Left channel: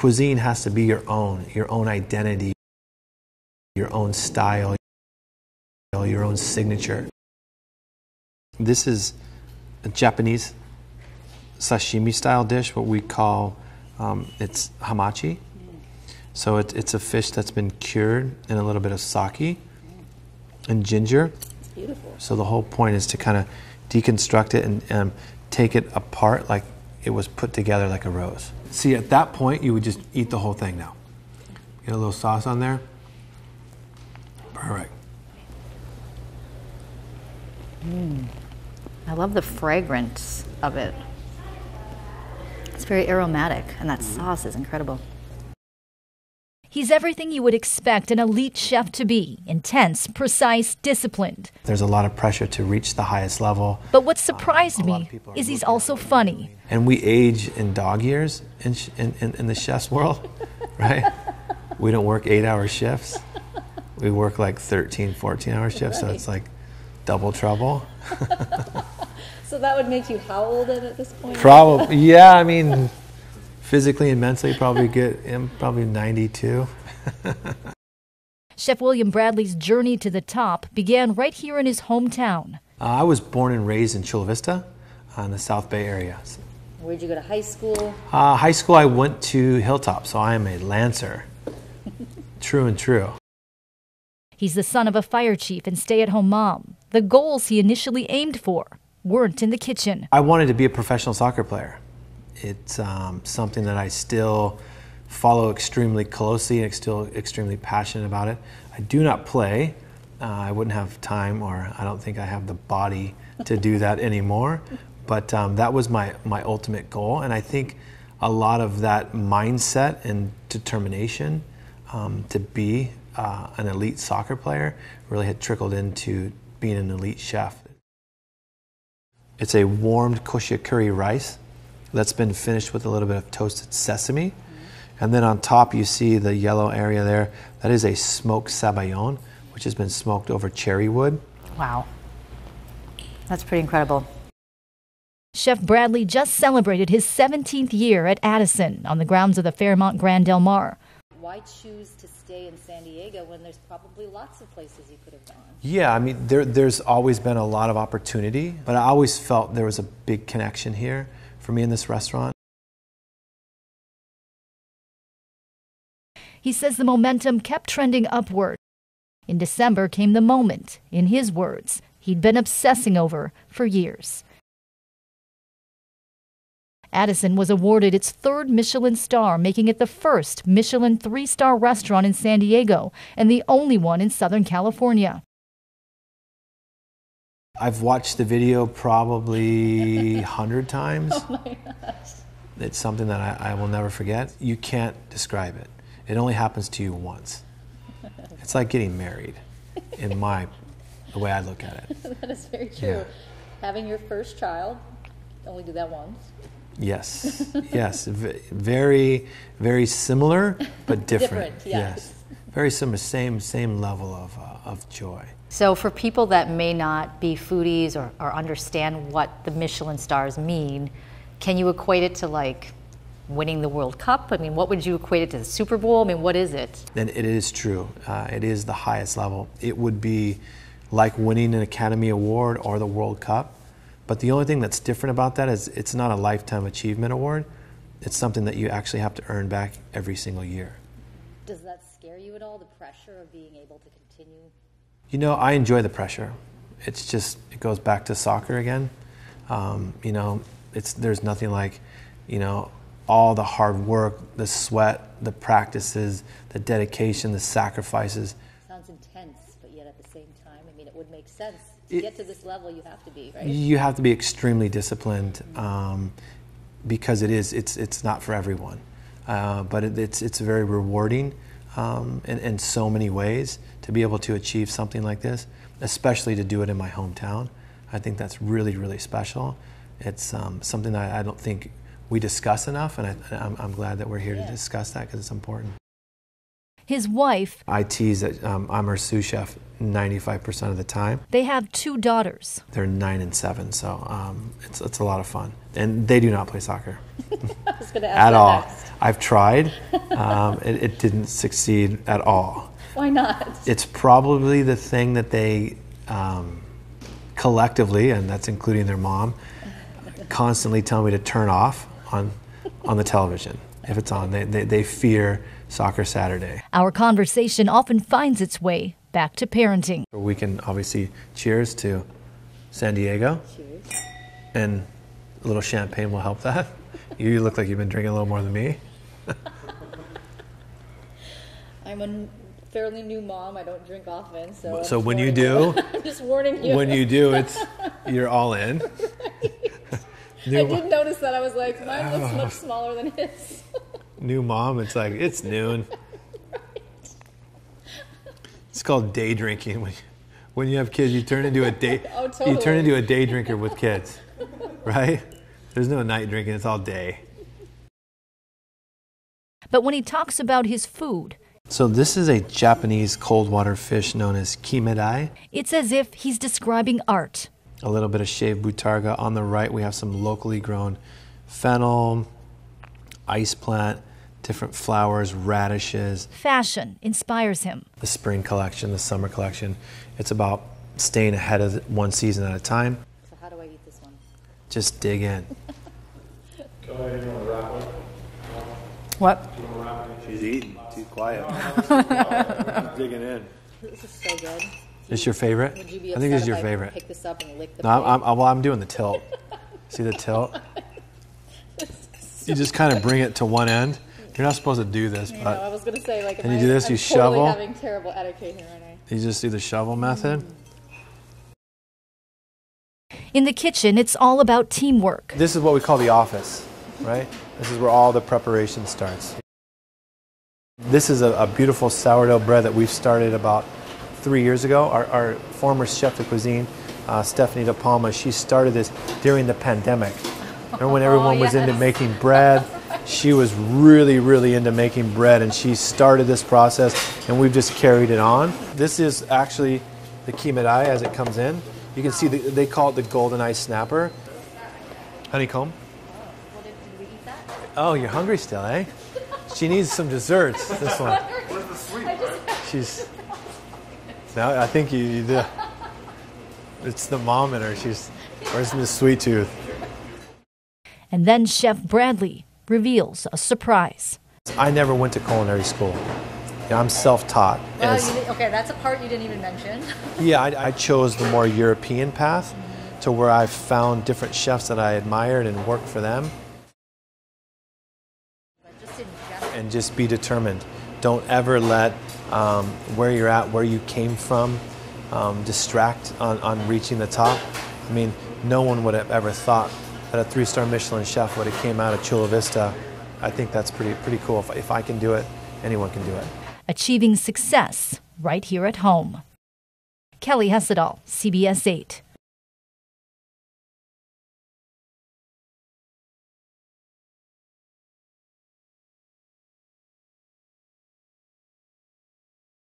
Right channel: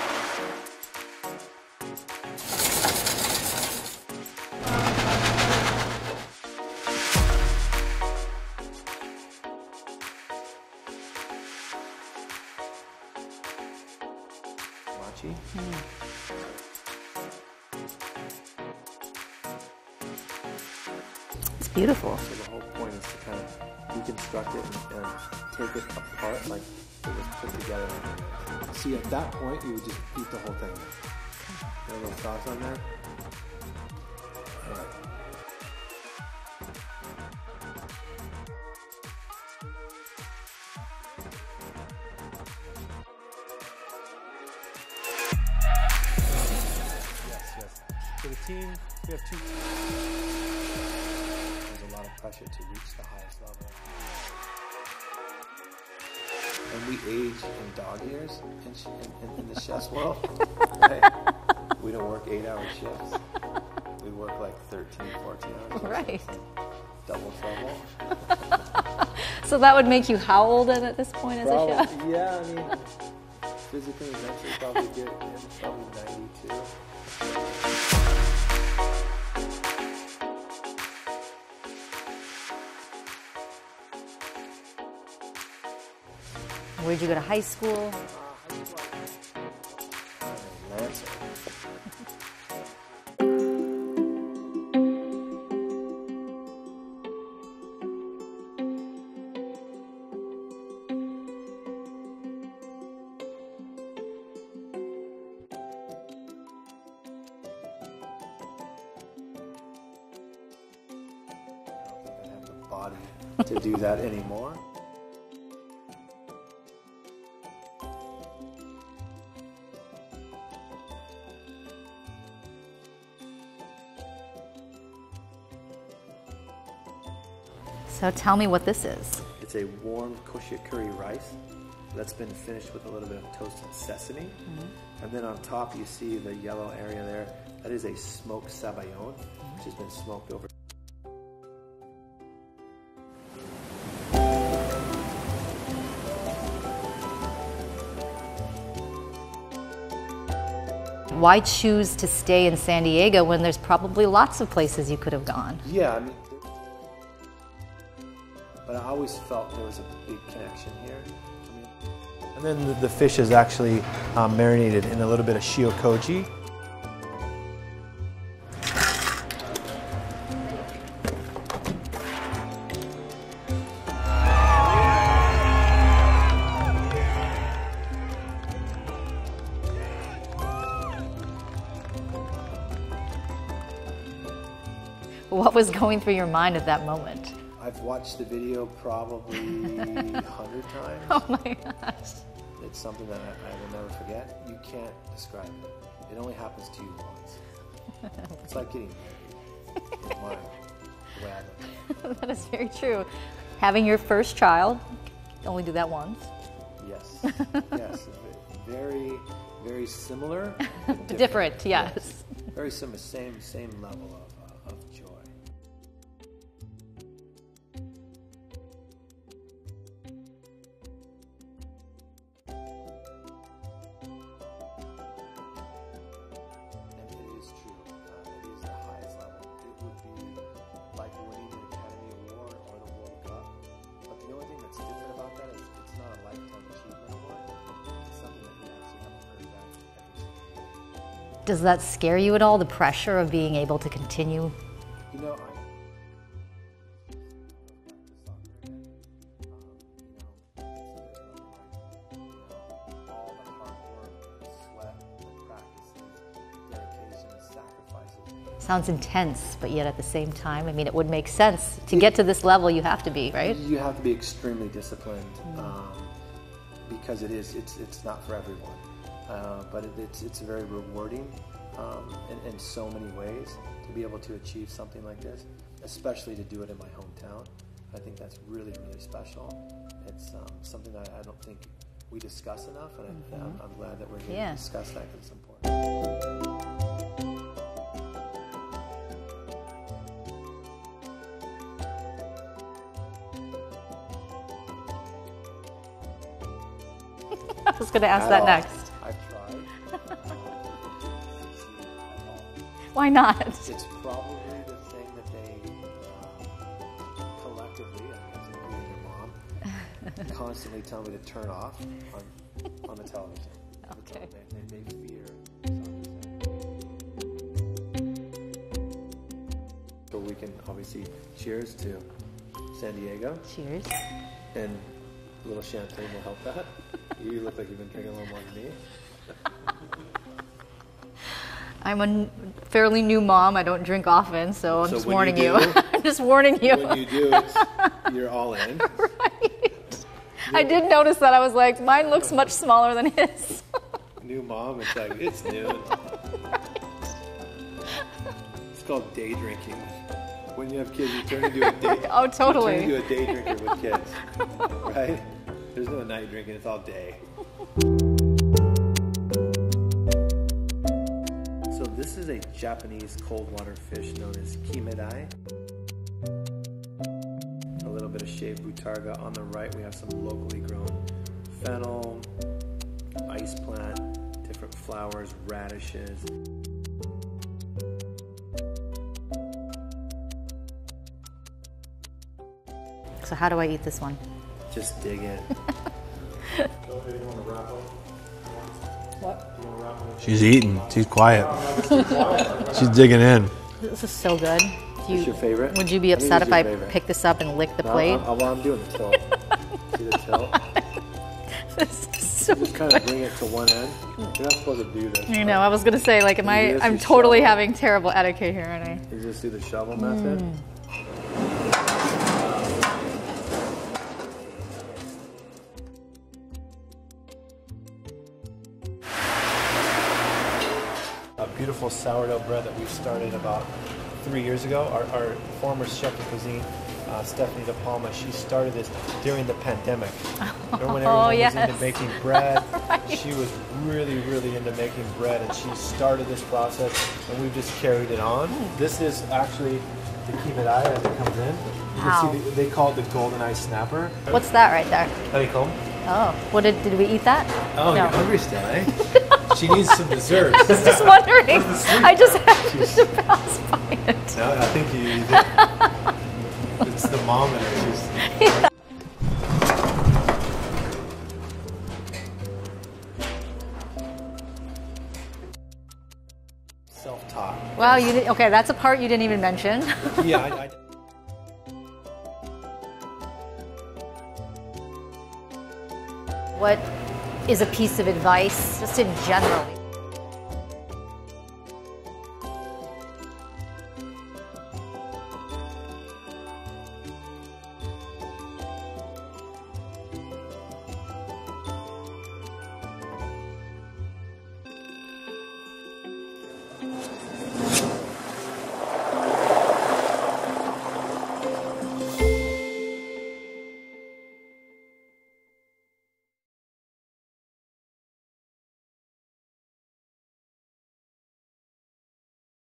Cuisine has to be your own identity, your own style, your own signature. This is a Japanese sashimi style dish, what we call, it's hamachi. So it's a fish that's been cured in a little bit of sake and ginger. It's beautiful. So the whole point is to kind of deconstruct it and take it apart like it was put together like a rose. See, at that point, you would just eat the whole thing now. Get a little sauce on there. Perfect. I love the fragrance of it. It's very aromatic, and that sauce is incredible. He's everything you would expect an elite chef to be: intense, precise, disciplined. There's a lot of pressure to reach the highest level. But what surprised me is he's also funny. And we age in dog years in the chef's world, right? We don't work 8-hour shifts. We work like 13, 14-hour shifts, Right. so it's like double trouble. So that would make you how old at this point? Probably, yeah, I mean, physically and mentally probably probably 92. Chef William Bradley's journey to the top began right here in his hometown. I was born and raised in Chula Vista in the South Bay area. Where'd you go to high school? High school I went to Hilltop, so I am a Lancer. True and true. He's the son of a fire chief and stay-at-home mom. The goals he initially aimed for weren't in the kitchen. I wanted to be a professional soccer player. It's something that I still follow extremely closely and still extremely passionate about it. I do not play. I wouldn't have time, or I don't think I have the body to do that anymore. But that was my ultimate goal, and I think a lot of that mindset and determination to be an elite soccer player really had trickled into being an elite chef. So tell me what this is. It's a warmed koshia curry rice that's been finished with a little bit of toasted sesame. And then on top you see the yellow area there. That is a smoked sabayon, which has been smoked over cherry wood. Wow. That's pretty incredible. Chef Bradley just celebrated his 17th year at Addison on the grounds of the Fairmont Grand Del Mar. Why choose to stay in San Diego when there's probably lots of places you could have gone? Yeah, I mean, there's always been a lot of opportunity, but I always felt there was a big connection here for me in this restaurant. And then the fish is actually marinated in a little bit of shiokoji. He says the momentum kept trending upward. In December came the moment, in his words, he'd been obsessing over for years. Addison was awarded its 3rd Michelin star, making it the first Michelin 3-star restaurant in San Diego and the only one in Southern California. What was going through your mind at that moment? I've watched the video probably 100 times. Oh my gosh. It's something that I will never forget. You can't describe it. It only happens to you once. It's like getting married, in the way I look at it. That is very true. Yeah. Having your first child, only do that once. Yes, yes, very, very similar, but different. Different, yes. Very similar, same level of joy. So for people that may not be foodies or understand what the Michelin stars mean, can you equate it to like winning the World Cup? I mean, what would you equate it to, the Super Bowl? I mean, what is it? And it is true. It is the highest level. It would be like winning an Academy Award or the World Cup. But the only thing that's different about that is it's not a lifetime achievement award. It's something that you actually have to earn back every single year. Does that scare you at all, the pressure of being able to continue? You know, I enjoy the pressure. It's just, it goes back to soccer again. You know, there's nothing like, you know, all the hard work, the sweat, the practices, the dedication, the sacrifices. Sounds intense, but yet at the same time, I mean, it would make sense. To get to this level, you have to be, right? You have to be extremely disciplined because it's not for everyone. But it's very rewarding in so many ways to be able to achieve something like this, especially to do it in my hometown. I think that's really, really special. It's something that I don't think we discuss enough, and I'm glad that we're here to discuss that because it's important. His wife, I tease that I'm her sous chef 95% of the time. They have 2 daughters. They're 9 and 7, so it's a lot of fun. And they do not play soccer. I was going to ask At that all. next. I've tried. It didn't succeed at all. Why not? It's probably the thing that they collectively, and that's including their mom, constantly tell me to turn off on the television. If it's on, they fear Soccer Saturday. Our conversation often finds its way back to parenting. We can obviously cheers to San Diego. Cheers. And a little champagne will help that. You look like you've been drinking a little more than me. I'm a fairly new mom. I don't drink often, so I'm just when warning you do, I'm just warning you. When you do, you're all in. Right. I did notice that. I was like, mine looks much smaller than his. New mom, it's like, it's noon. Right. It's called day drinking. When you have kids, you turn into a day. Oh, totally. You turn into a day drinker with kids, right? There's no night drinking. It's all day. But when he talks about his food, so this is a Japanese cold water fish known as kimedai. it's as if he's describing art. A little bit of shaved butarga. On the right, we have some locally grown fennel, ice plant, different flowers, radishes. Fashion inspires him. The spring collection, the summer collection. It's about staying ahead of one season at a time. So how do I eat this one? Just dig in. What? She's eating. She's quiet. She's digging in. This is so good. This your favorite? Would you be I think upset this if is I your favorite. pick this up and lick the No, plate? I'm doing the tilt. See the tilt? You just kind of bring it to one end. You're not supposed to do this. You know, I was gonna say, like, You do this, I'm you totally shovel. having terrible etiquette here, aren't I? You just do the shovel method. In the kitchen, it's all about teamwork. This is what we call the office, right? This is where all the preparation starts. This is a beautiful sourdough bread that we've started about 3 years ago. Our former chef de cuisine, Stephanie De Palma, she started this during the pandemic. And when everyone was into making bread, she was really, really into making bread, and she started this process, and we've just carried it on. This is actually the kimedai as it comes in. You can see they call it the golden ice snapper. What's that right there? Honeycomb. Oh, what did we eat that? Oh, No. you're hungry still, eh? She needs some desserts. I was just wondering. I just happened to pass by it. No, I think you did. It's the mom in her. She's nursing the sweet tooth. And then Chef Bradley reveals a surprise. I never went to culinary school. Yeah, I'm self-taught. Well, And you did, okay, that's a part you didn't even mention. yeah, I chose the more European path to where I found different chefs that I admired and worked for them. What is a piece of advice, just in general? Just be determined. Don't ever let where you're at, where you came from, distract on reaching the top. I mean, no one would have ever thought that a 3-star Michelin chef would have came out of Chula Vista. I think that's pretty cool. If I can do it, anyone can do it. Achieving success right here at home. Kelly Hessedal, CBS 8.